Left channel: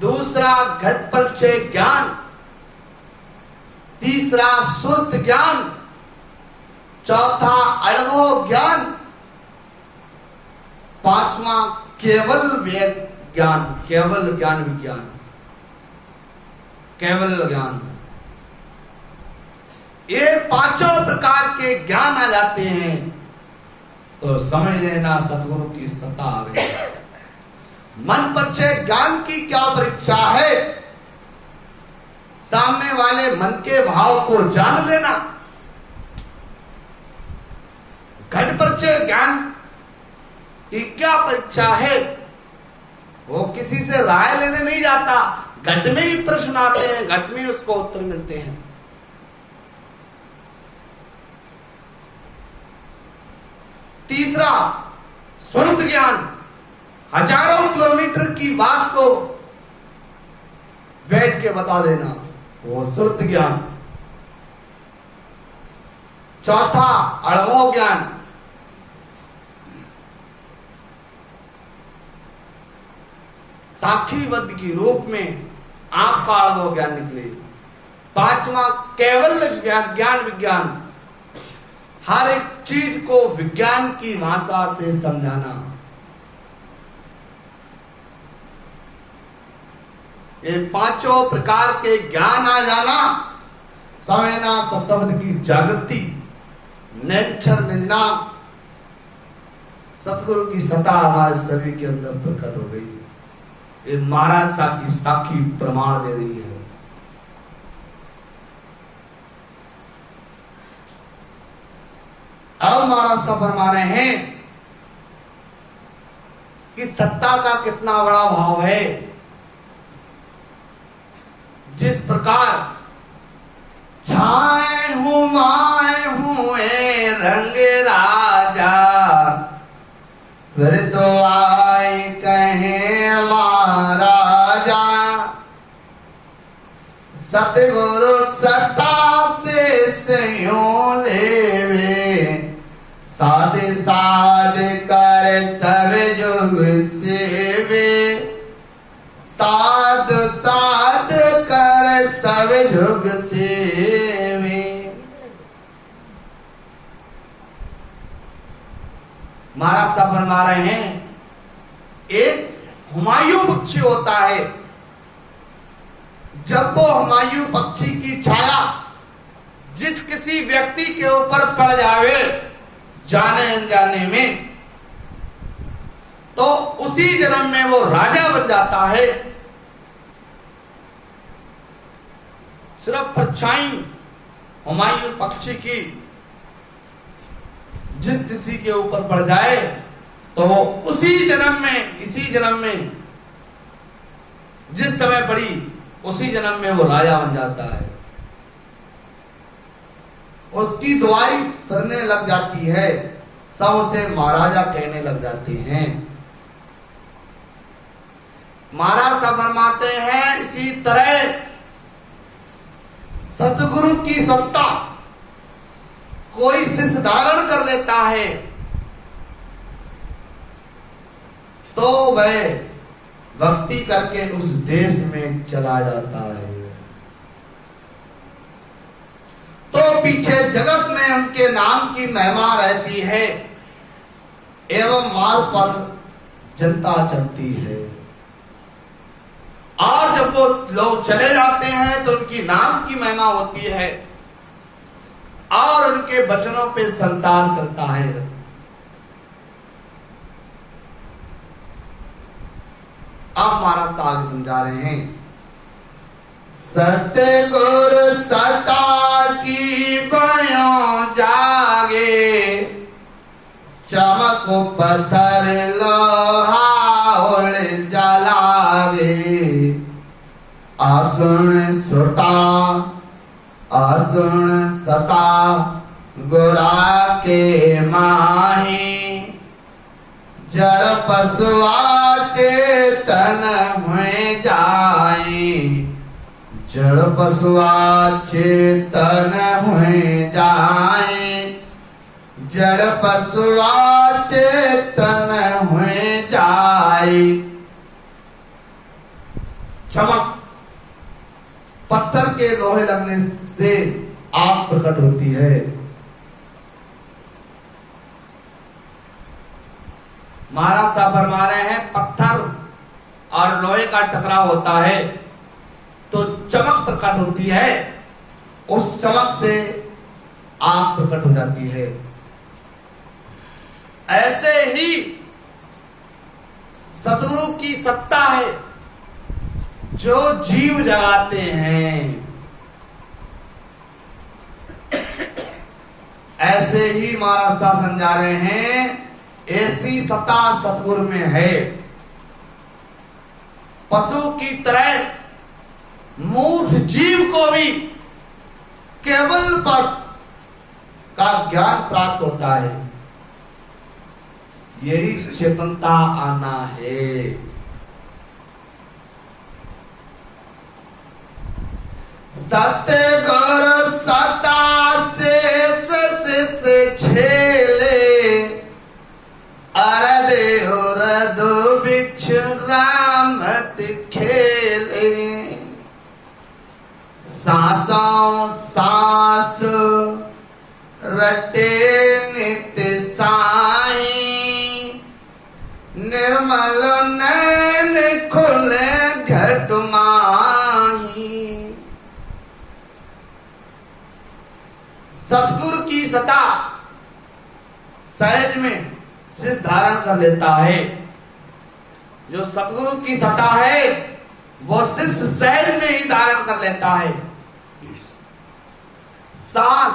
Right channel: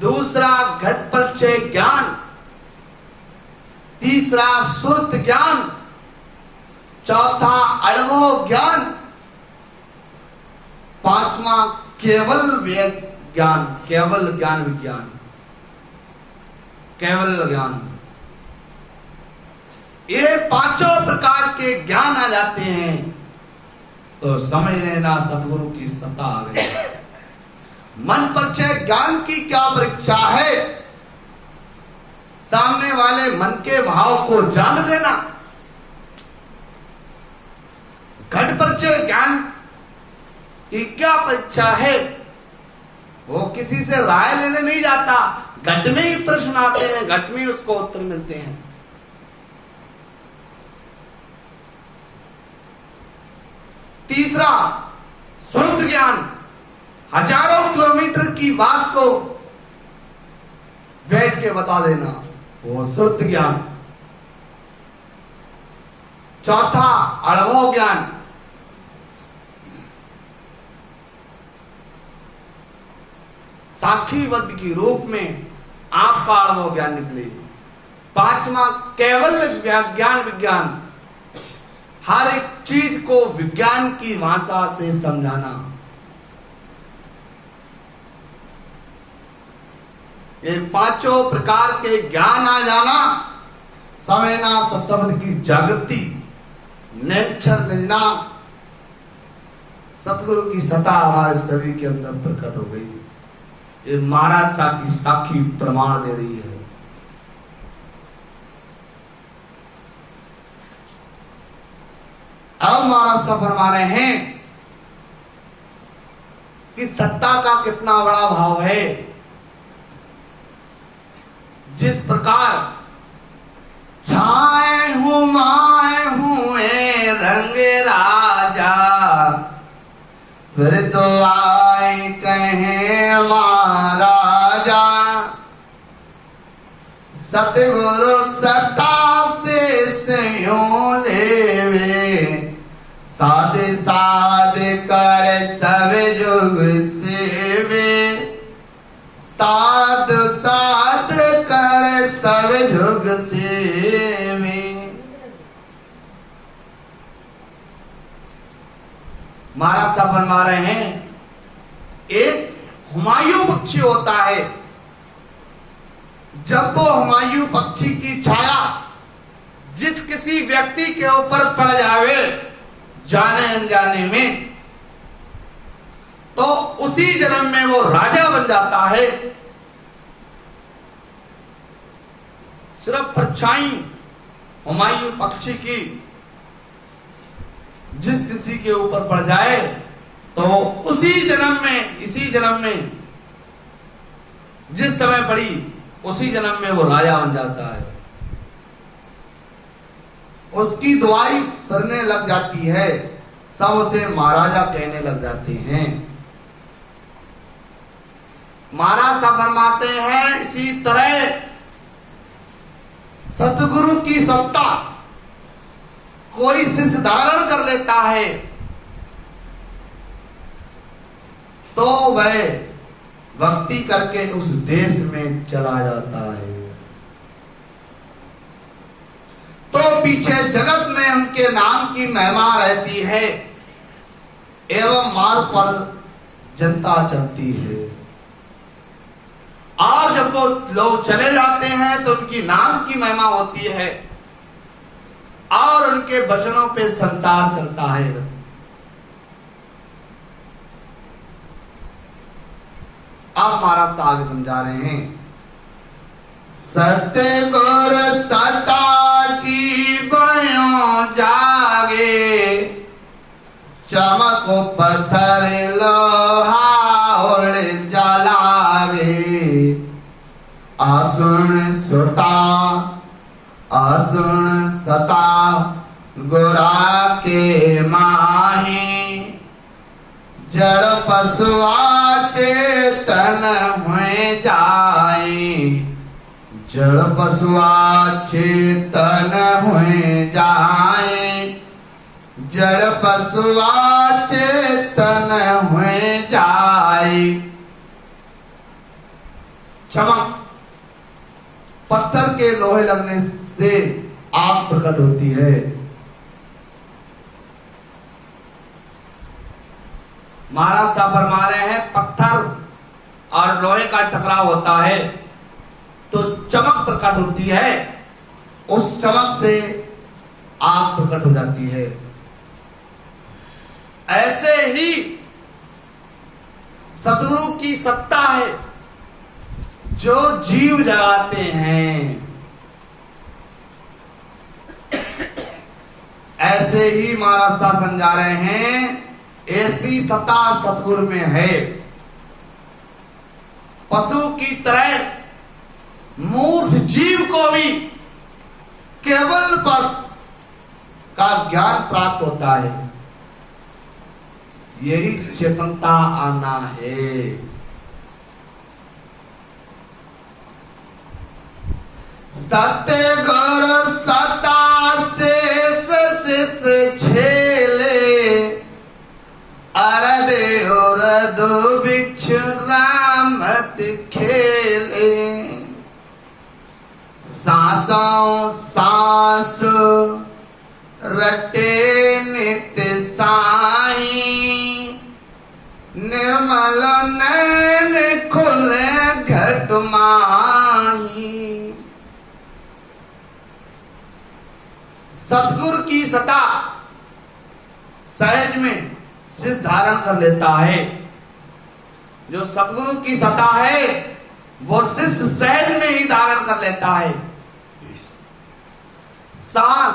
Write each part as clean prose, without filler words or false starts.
दूसरा घट परिचय ज्ञान, तीसरा सुरत ज्ञान, चौथा अनुभव ज्ञान, पांचवा केवल ज्ञान, केवल ज्ञान विज्ञान, केवल ज्ञान। ये पांचों प्रकार के ज्ञान आ जाते हैं तो समझ लेना सतगुरु की सत्ता आ गई। मन परिचय ज्ञान की क्या परीक्षा है? सामने वाले मन के भाव को जान लेना। घट परिचय ज्ञान की क्या परीक्षा है? वो किसी से राय लेने नहीं जाता, घट में ही प्रश्न आते हैं, घट में ही उसको उत्तर मिलते हैं। तीसरा सुरत ज्ञान, हजारों किलोमीटर की बात को बैठ के बता देना, वो सुरत ज्ञान। चौथा अनुभव ज्ञान, साक्षीवद की रूप में आपका अनुभव ज्ञान निकले। पांचवा केवल ज्ञान विज्ञान, हर एक चीज को विज्ञान की भाषा से समझाना। ये पांचों प्रकार के ज्ञान आ जाना, समझना सशब्द की जागृति, नेक्षर निंदा, सतगुरु की सत्ता हमारे शरीर के अंदर प्रकट हो गई। ये महाराज सा की साक्षी प्रमाण दे रही है। अब महाराज साहब फरमा रहे हैं कि सत्ता का कितना बड़ा भाव है। जिस प्रकार छाए हूं माए हुए रंग राजा, फिर तो आए कहे महाराजा, सतगुरु सत्ता से संयोग लेवे, साध साध कर सब जुग सेवे, साध साध कर सब जुग सेवे। महाराज साहब बनवा रहे हैं, एक हुमायूं पक्षी होता है, जब वो हुमायूं पक्षी की छाया जिस किसी व्यक्ति के ऊपर पड़ जावे जाने अनजाने में, तो उसी जन्म में वो राजा बन जाता है। सिर्फ परछाई हुमायूं पक्षी की जिस किसी के ऊपर पड़ जाए तो उसी जन्म में, इसी जन्म में जिस समय पड़ी उसी जन्म में वो राजा बन जाता है। उसकी दुआई करने लग जाती है, सब उसे महाराजा कहने लग जाते हैं। महाराज साहब फरमाते हैं, इसी तरह सतगुरु की सत्ता कोई शिष्य धारण कर लेता है तो वह भक्ति करके उस देश में चला जाता है। तो पीछे जगत में उनके नाम की महिमा रहती है एवं मार्ग पर जनता चलती है। और जब वो लोग चले जाते हैं तो उनकी नाम की महिमा होती है और उनके वचनों पे संसार चलता है। आप महाराज साहब आगे समझा रहे हैं, सतगुरु सत्ता की बयों जागे, चमक पत्थर लोहा उड़ जलावे, आसुन सुता आसुन सता गोरा के माही, जड़ पशुआ चेतन हुए जाए, जड़ पशुआ चेतन हुए जाए, जड़ पशुआ चेतन हुए जाए। चमक, पत्थर के लोहे लगने से आग प्रकट होती है। महाराज साहब फरमा रहे हैं पत्थर और लोहे का टकराव होता है तो चमक प्रकट होती है, उस चमक से आग प्रकट हो जाती है। ऐसे ही सद्गुरु की सत्ता है जो जीव जगाते हैं। ऐसे ही महाराज साहब समझा रहे हैं ऐसी सत्ता सतगुरु में है। पशु की तरह मूर्ख जीव को भी केवल पद का ज्ञान प्राप्त होता है। यही चेतनता आना है। सतगुरु सता से छेले अरदे और दो बिछ रामत खेले। सांसों सांस रटे नित्य साई, निर्मल नैन खुले घट माही। सतगुरु की सता सहज में शिष्य धारण कर लेता है। जो सतगुरु की सता है वो शिष्य सहज में ही धारण कर लेता है। सांस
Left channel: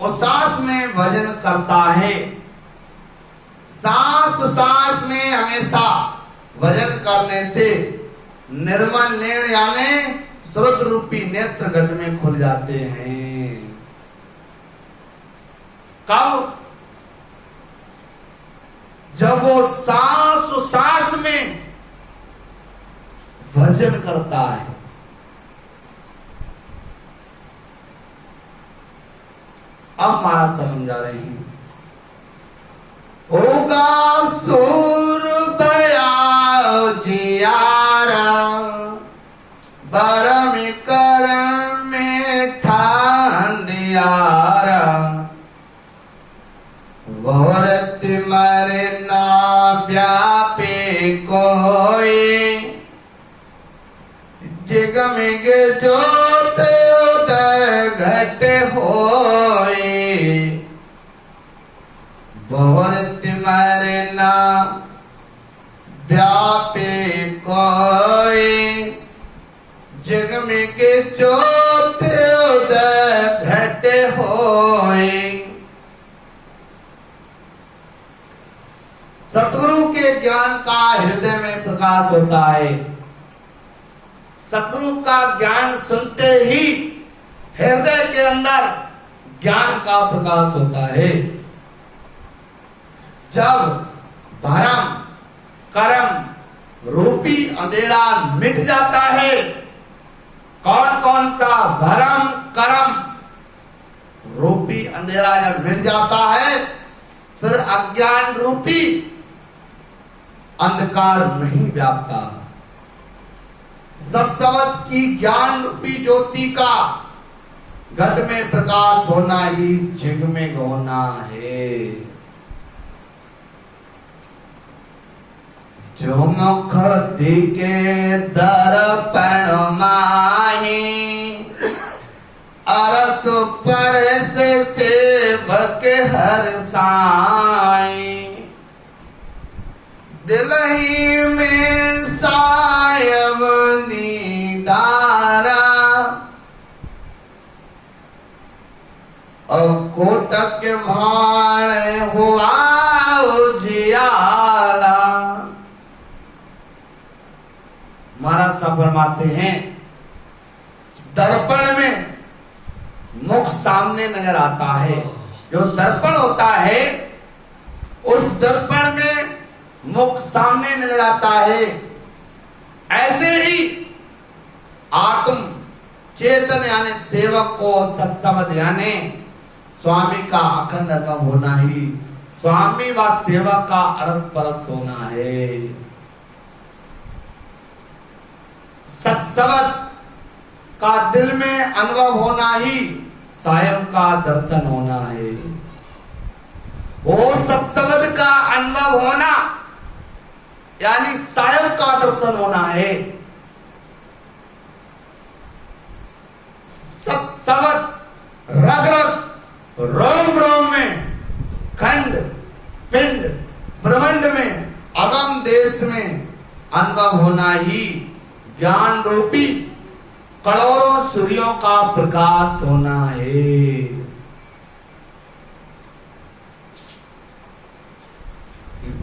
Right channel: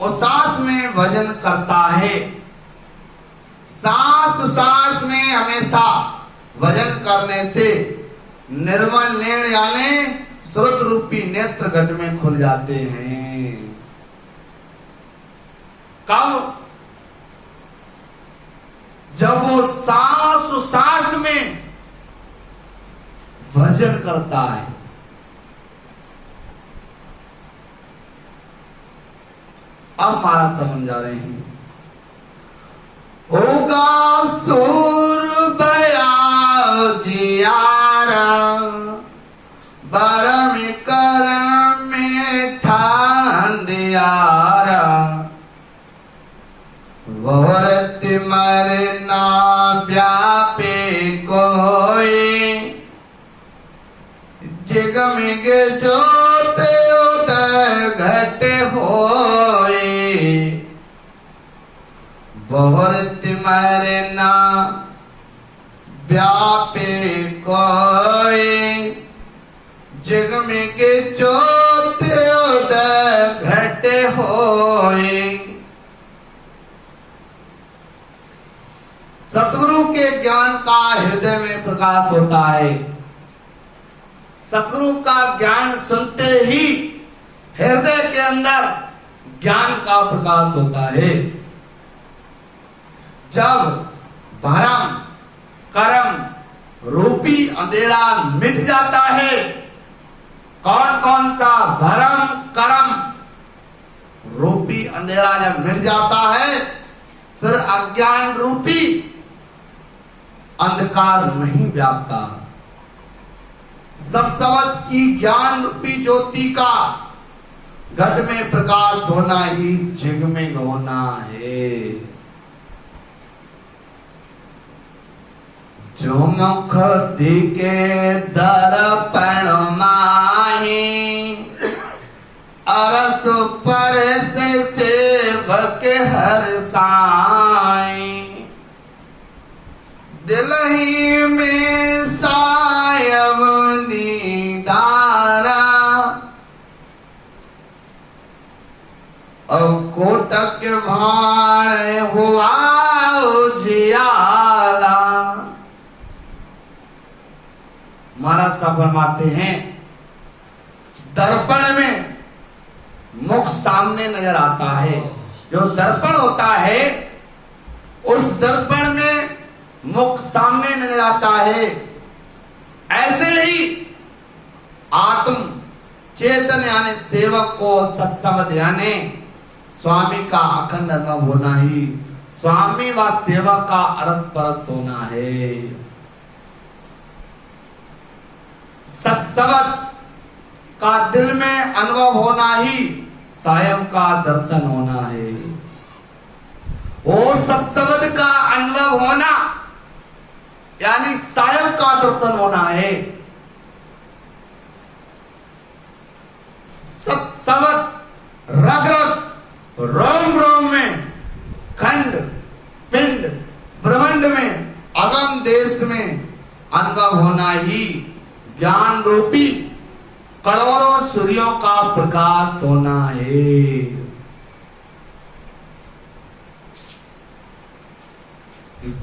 और सांस में भजन करता है। सांस में हमेशा भजन करने से निर्मल नैन यानी स्रोत रूपी नेत्र घट में खुल जाते हैं। कब? जब वो सांस में भजन करता है। अब महाराज साहब समझा रहे हैं होगा सूर भया जियारा, बरम करम में ठान दियारा। वोरत मरना व्यापे कोई, जिगमिग जोत उदय घट होए। वोरत मरना व्यापे कोई, जिगमिग जोत उदय घट होए। सतगुरु के ज्ञान का हृदय में प्रकाश होता है। सतगुरु का ज्ञान सुनते ही हृदय के अंदर ज्ञान का प्रकाश होता है। जब भरम कर्म रूपी अंधेरा मिट जाता है, कौन कौन सा भरम कर्म रूपी अंधेरा जब मिट जाता है, फिर अज्ञान रूपी अंधकार नहीं व्यापता। सब शब्द की ज्ञान रूपी ज्योति का घट में प्रकाश होना ही जिगमिग होना है। जो मुख दिखे दर्पण माही, अरस परस सेवक हर साई। दिलही में सायब दीदारा, और कोटक भाण हुआ उजियाला। महाराज साहब फरमाते हैं दर्पण में मुख सामने नजर आता है। जो दर्पण होता है उस दर्पण में मुख सामने नजर आता है। ऐसे ही आत्म चेतन यानी सेवक को सत्संग यानी स्वामी का अखंड अनुभव होना ही स्वामी व सेवक का अरस परस होना है। सत्सवत का दिल में अनुभव होना ही साहेब का दर्शन होना है। वो सत्सवत का अनुभव होना यानी साहेब का दर्शन होना है। सत्सवत रग रग रोम रोम में, खंड पिंड ब्रह्मांड में, अगम देश में अनुभव होना ही ज्ञान रूपी करोड़ों सूर्यों का प्रकाश होना है।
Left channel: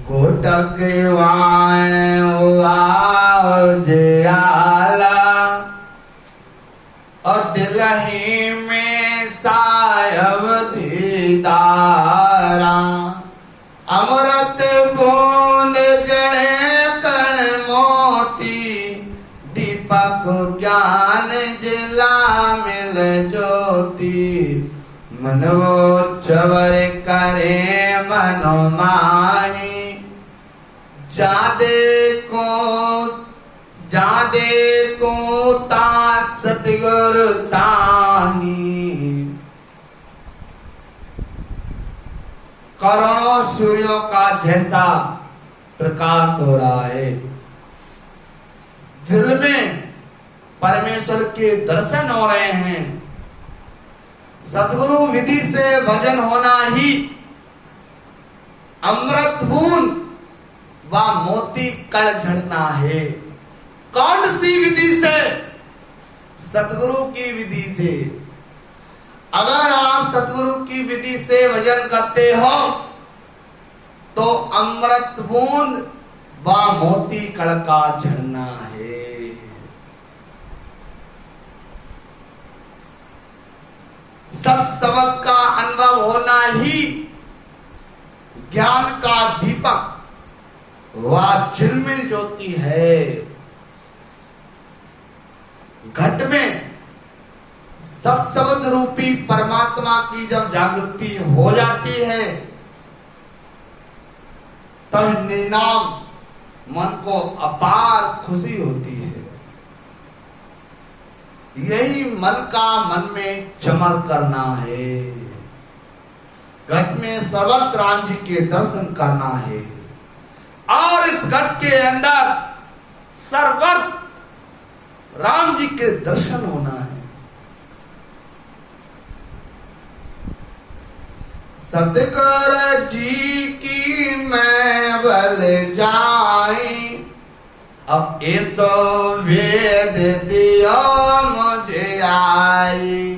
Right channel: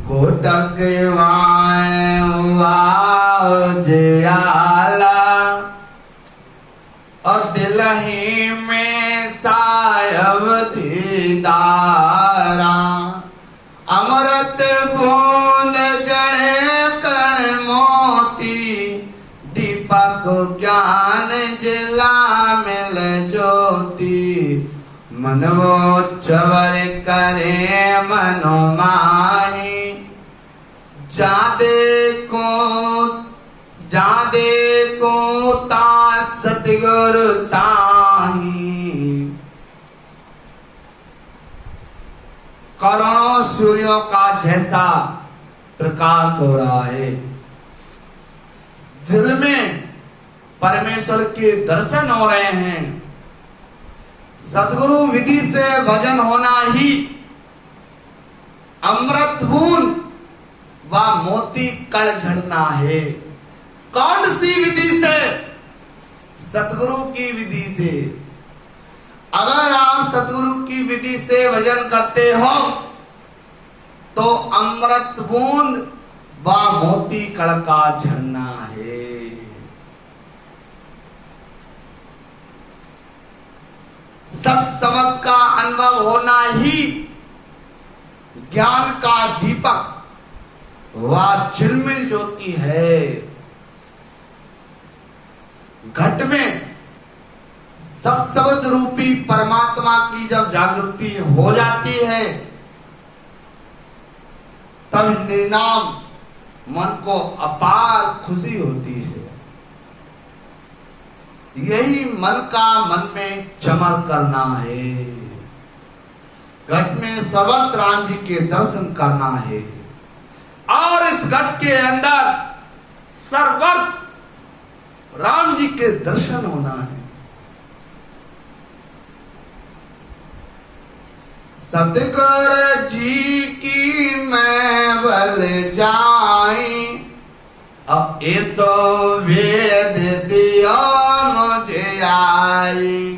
कोटक वाला और दिलही में सायब दीदारा, अमृत बूंद जड़े कण मोती, दीपक ज्ञान जिला मिल ज्योति, मनोच्चवर करे मनोमाई, जादे को ता सतगुरु साई। करोड़ों सूर्यों का जैसा प्रकाश हो रहा है। दिल में परमेश्वर के दर्शन हो रहे हैं। सदगुरु विधि से भजन होना ही अमृत बूंद व मोती कण झड़ना है। कौन सी विधि से? सतगुरु की विधि से। अगर आप सतगुरु की विधि से भजन करते हो तो अमृत बूंद व मोती कण का झड़ना है। सत्सवत का अनुभव होना ही ज्ञान का दीपक व झिलमिल ज्योति है। घट में सत्सवत रूपी परमात्मा की जब जागृति हो जाती है तब निर्नाम मन को अपार खुशी होती है। यही मन का मन में चमन करना है। घट में सर्वत्र राम जी के दर्शन करना है और इस घट के अंदर सर्वत्र राम जी के दर्शन होना है। सतगुरु जी की मैं बल जाई, अब ऐसो वेद दियो मुझे आई,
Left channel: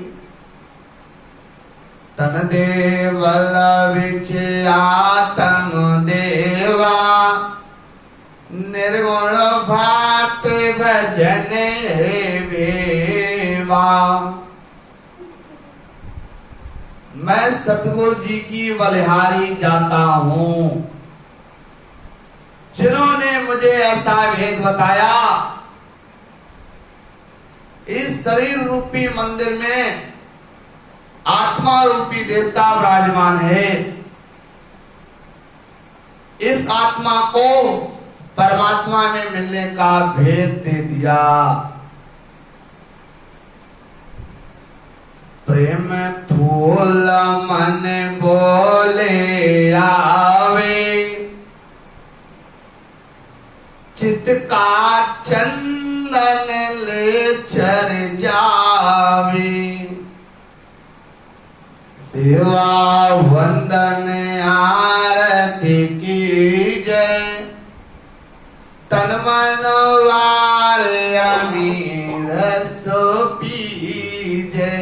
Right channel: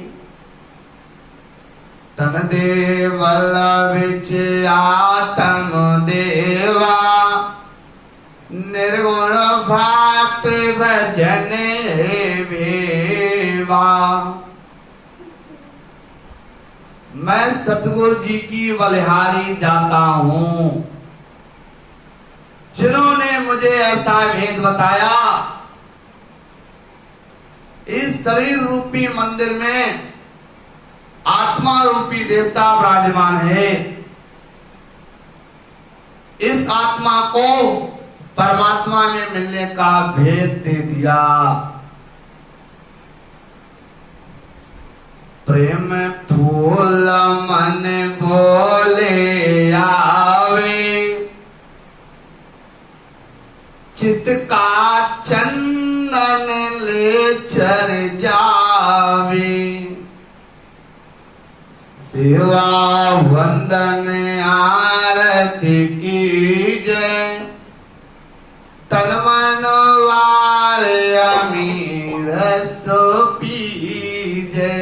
तन देवल विच आत्म देवा, निर्गुण भात भजन वेवा। मैं सतगुरु जी की बलिहारी जाता हूं जिन्होंने मुझे ऐसा भेद बताया। इस शरीर रूपी मंदिर में आत्मा रूपी देवता विराजमान है। इस आत्मा को परमात्मा ने मिलने का भेद दे दिया। प्रेम फूल मन बोले आवे, चित का चंदन ले चर जावे, सेवा वंदन आरती की जय, तन मन वार अमीर सो पीजे।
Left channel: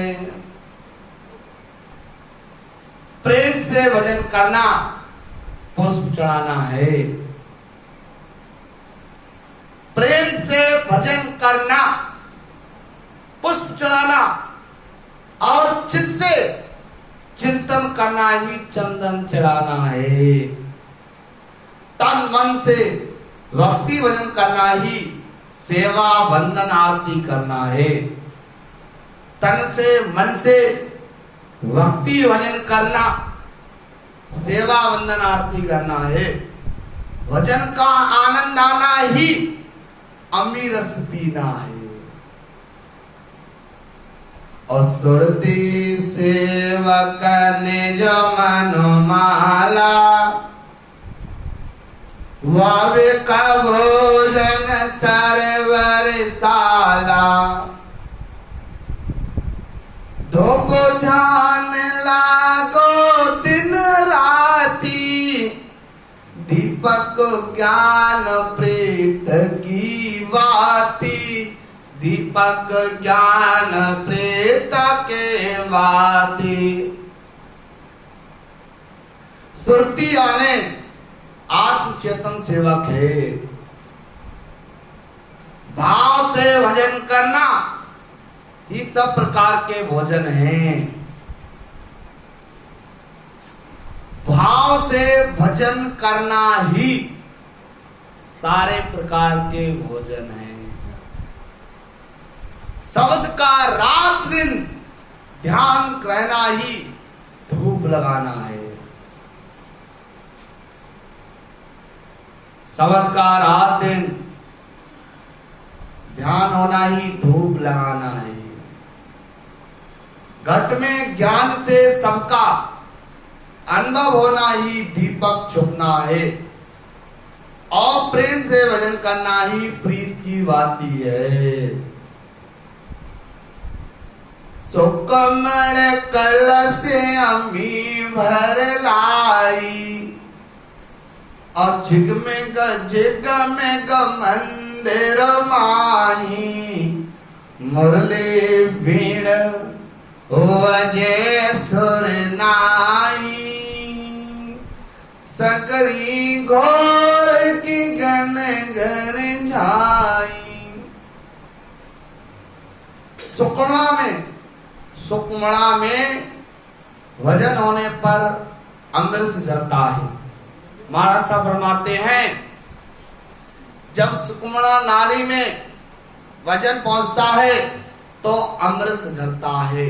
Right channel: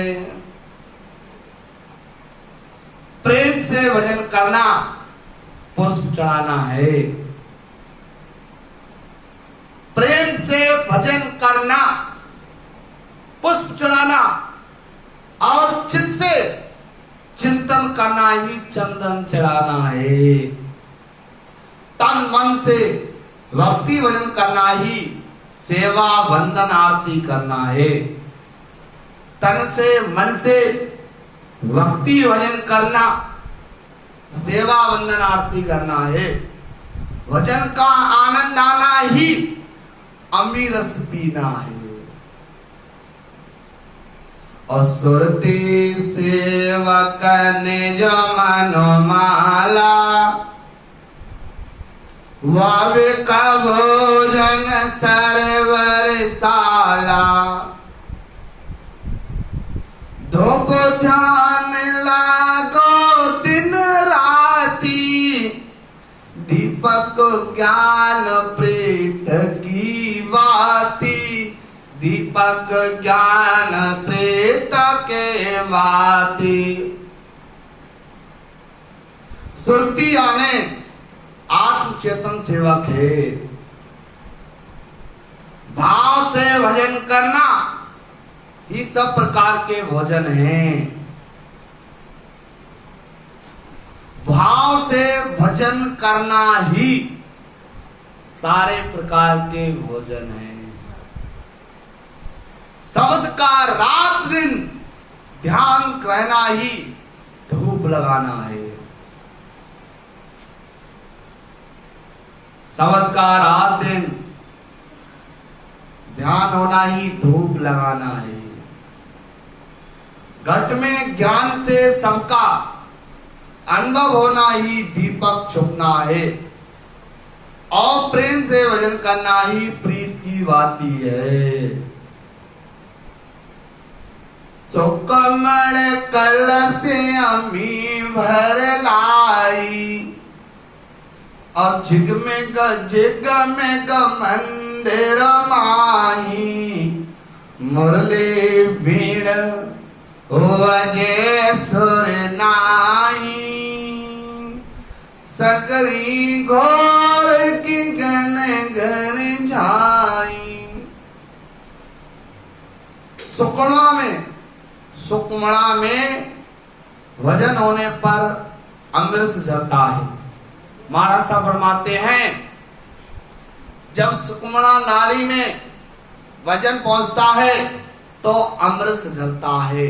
प्रेम से भजन करना, पुष्प चढ़ाना है। प्रेम से भजन करना, पुष्प चढ़ाना और चित्त से चिंतन करना ही चंदन चढ़ाना है। तन मन से भक्ति भजन करना ही सेवा वंदन आरती करना है। तन से मन से भक्ति भजन करना, सेवा वंदन आरती करना है। भजन का आनंद आना ही अमीरस पीना है। और सुरती सेवक निज मनमाला, वाविक भोजन सरवर साला। धूप ध्यान लागो दिन राती, दीपक ज्ञान प्रीत की वाती। दीपक ज्ञान प्रीत के वाती। सुरती यानी आत्म चेतन सेवक है। भाव से भजन करना ही सब प्रकार के भोजन हैं। भाव से भजन करना ही सारे प्रकार के भोजन हैं। शब्द का रात दिन ध्यान रहना ही धूप लगाना है। शब्द का रात दिन ध्यान होना ही धूप लगाना है। घट में ज्ञान से सबका अनुभव होना ही दीपक छुपना है। और प्रेम से भजन करना ही प्रीत की बाती है। सुकमण कलश अम्मी भर लाई, और झिगमेग झिगमेग मंदिर माही। मुरली बीण वजे सुर नाई, सकरी घोर की गन गन झाई। सुकमणा में भजन होने पर अमृत झरता है। महाराज साहब फरमाते हैं, जब सुकमणा नाली में वजन पहुंचता है तो अमृत झरता है।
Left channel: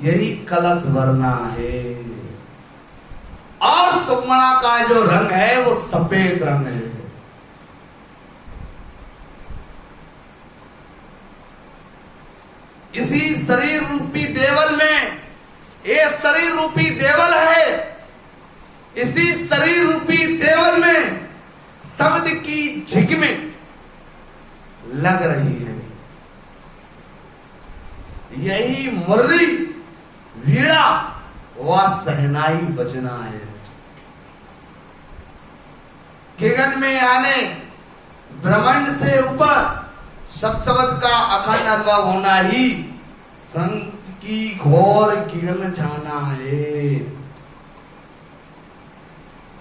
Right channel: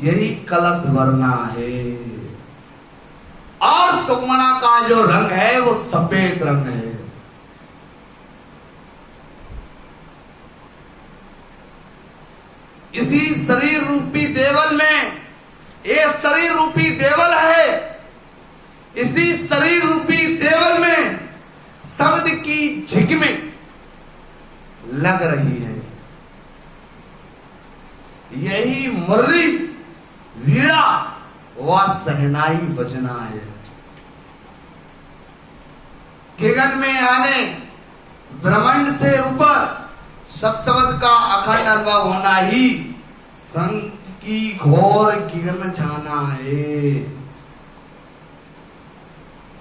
यही कलश भरना है। और सुकमणा का जो रंग है वो सफेद रंग है। इसी शरीर रूपी देवल में, ये शरीर रूपी देवल है। इसी शरीर रूपी देवल में शब्द की झिगमें लग रही है। यही मुरली वीणा व सहनाई बजना है। किगन में आने ब्रह्मांड से ऊपर सब शब्द का अखंड अनुभव होना ही संग की घोर किरण जाना है।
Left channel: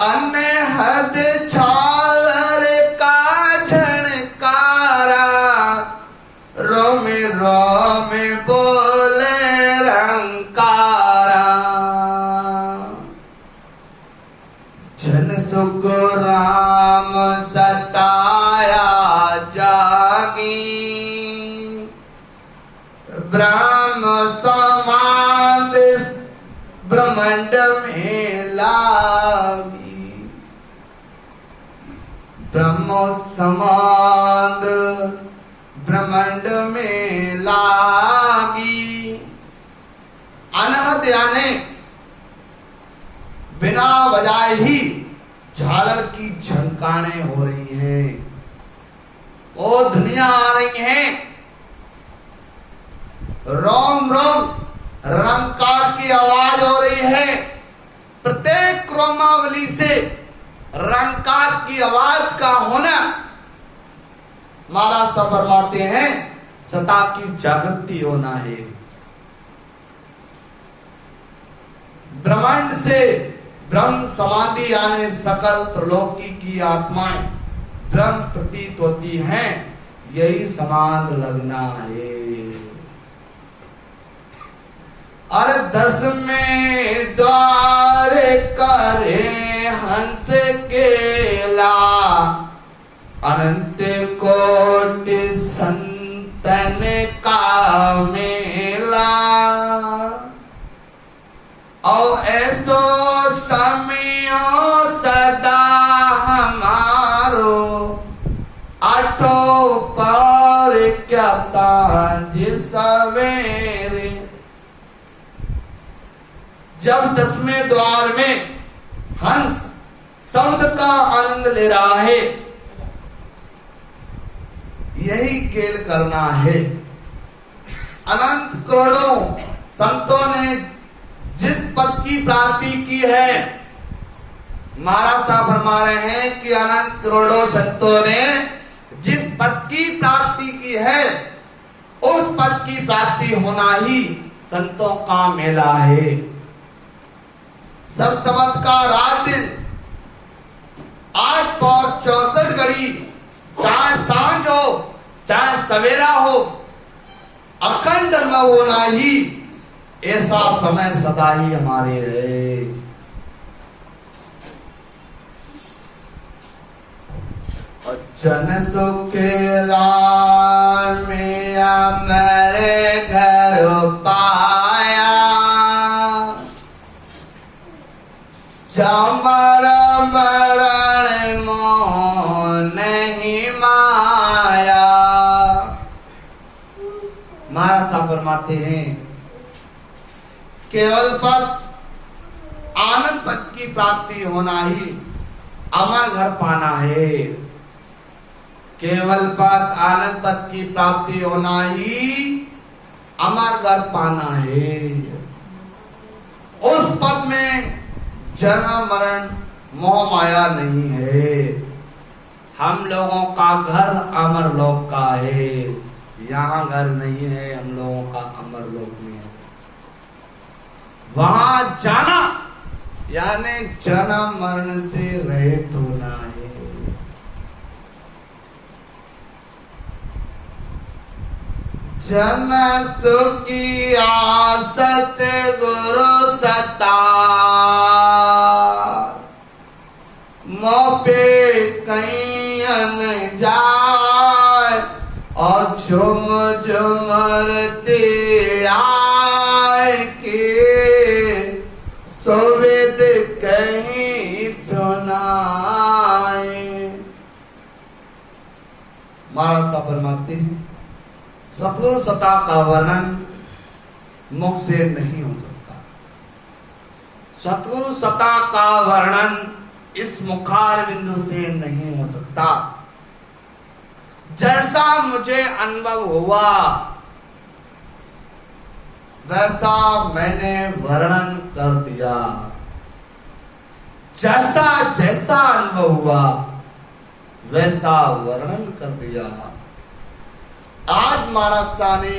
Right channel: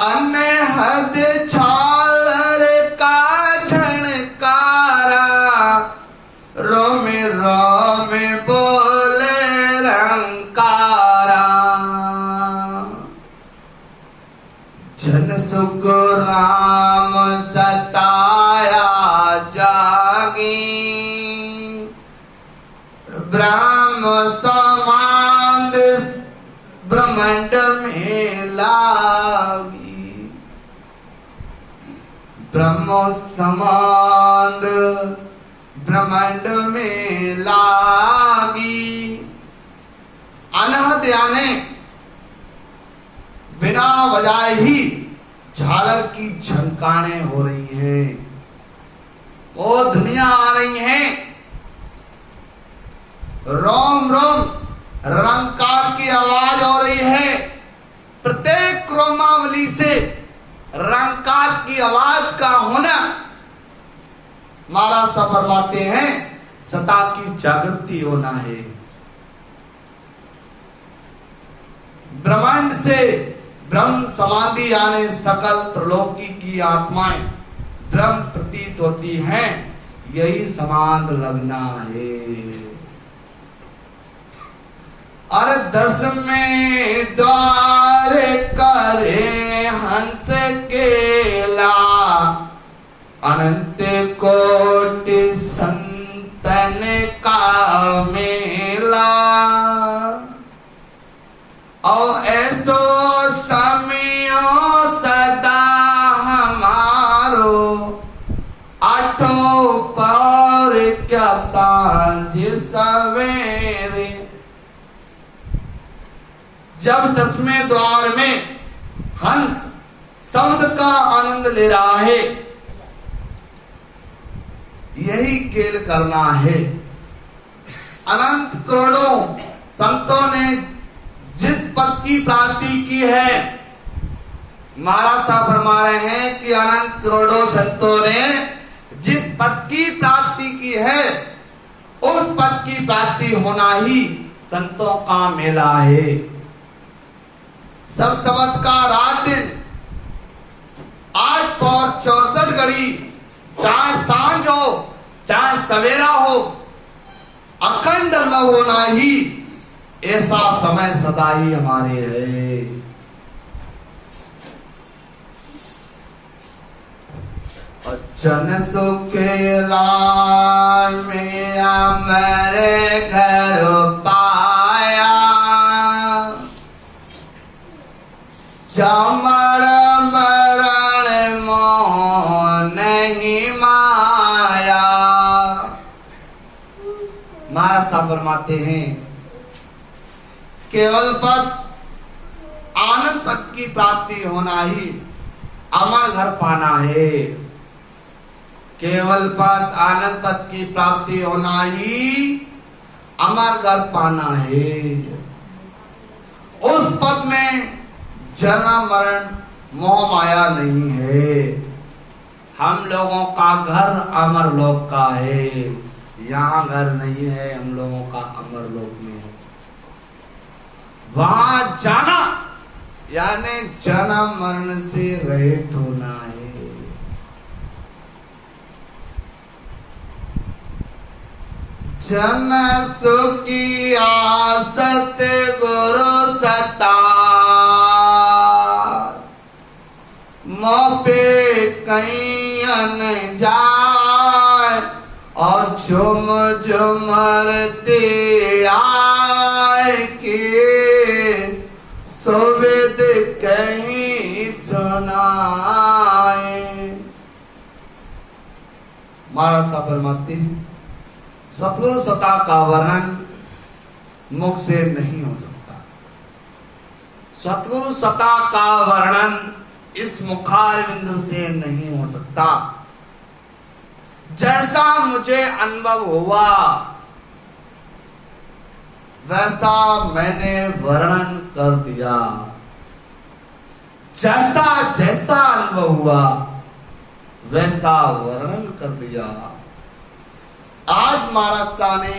अनहद छालर का झनकारा, रोमे रोमे बोले रंकारा। जन सुख राम सताया जागी, ब्रह्म समाद ब्रह्मांड में लागी। ब्रह्म समाद ब्रह्मांड में लागी। अनहद यानी बिना बजाए ही झालर की झनकाने हो रही हैं। वो दुनिया आ रही हैं। रोम रोम रंकार की आवाज हो रही है। प्रत्येक क्रोमावली से रंकार की आवाज का होना महाराज साहब फरमाते हैं सता की जागृति होना है। ब्रह्मांड से ब्रह्म समाधि यानी सकल त्रिलोकी की आत्माएं ब्रह्म प्रतीत होती हैं। यही समाध लगना है। अरे दस में द्वार करे हंस केला, अनंत कोटि संतन का मेला। और ऐसो समयो सदा जब 10वें द्वार में हंस शब्द का आनंद ले रहा है, यही खेल करना है। अनंत करोड़ों संतों ने जिस पद की प्राप्ति की है, महाराज साहब फरमा रहे हैं कि अनंत करोड़ों संतों ने जिस पद की प्राप्ति की है, उस पद की प्राप्ति होना ही संतों का मेला है। सब सबद का रात दिन 8 और 64 घड़ी, चाहे सांझ हो चाहे सवेरा हो, अखंड न होना ही ऐसा समय सदा ही हमारे है। जन सुखे राम मेरे घर पाया, जमर मरण मोह नहीं माया। महाराज साहब फरमाते हैं केवल पद आनंद पद की प्राप्ति होना ही अमर घर पाना है। केवल पद आनंद पद की प्राप्ति होना ही अमर घर पाना है। उस पद में जन्म मरण मोह माया नहीं है। हम लोगों का घर अमर लोक का है, यहाँ घर नहीं है, हम लोगों का अमर लोक में है। वहां जाना यानी जन्म मरण से रहित होना है। जन सुखी आसत गुरु सता, मोपे कहीं अन जाए और झुम झुमरते आए के सुविद कहीं सुनाए। महाराज साहब फरमाते हैं सतगुरु सत्ता का वर्णन मुख से नहीं हो सकता। सतगुरु सत्ता का वर्णन इस मुखार बिंदु से नहीं हो सकता। जैसा मुझे अनुभव हुआ वैसा मैंने वर्णन कर दिया। जैसा जैसा अनुभव हुआ वैसा वर्णन कर दिया। आज महाराज शाह ने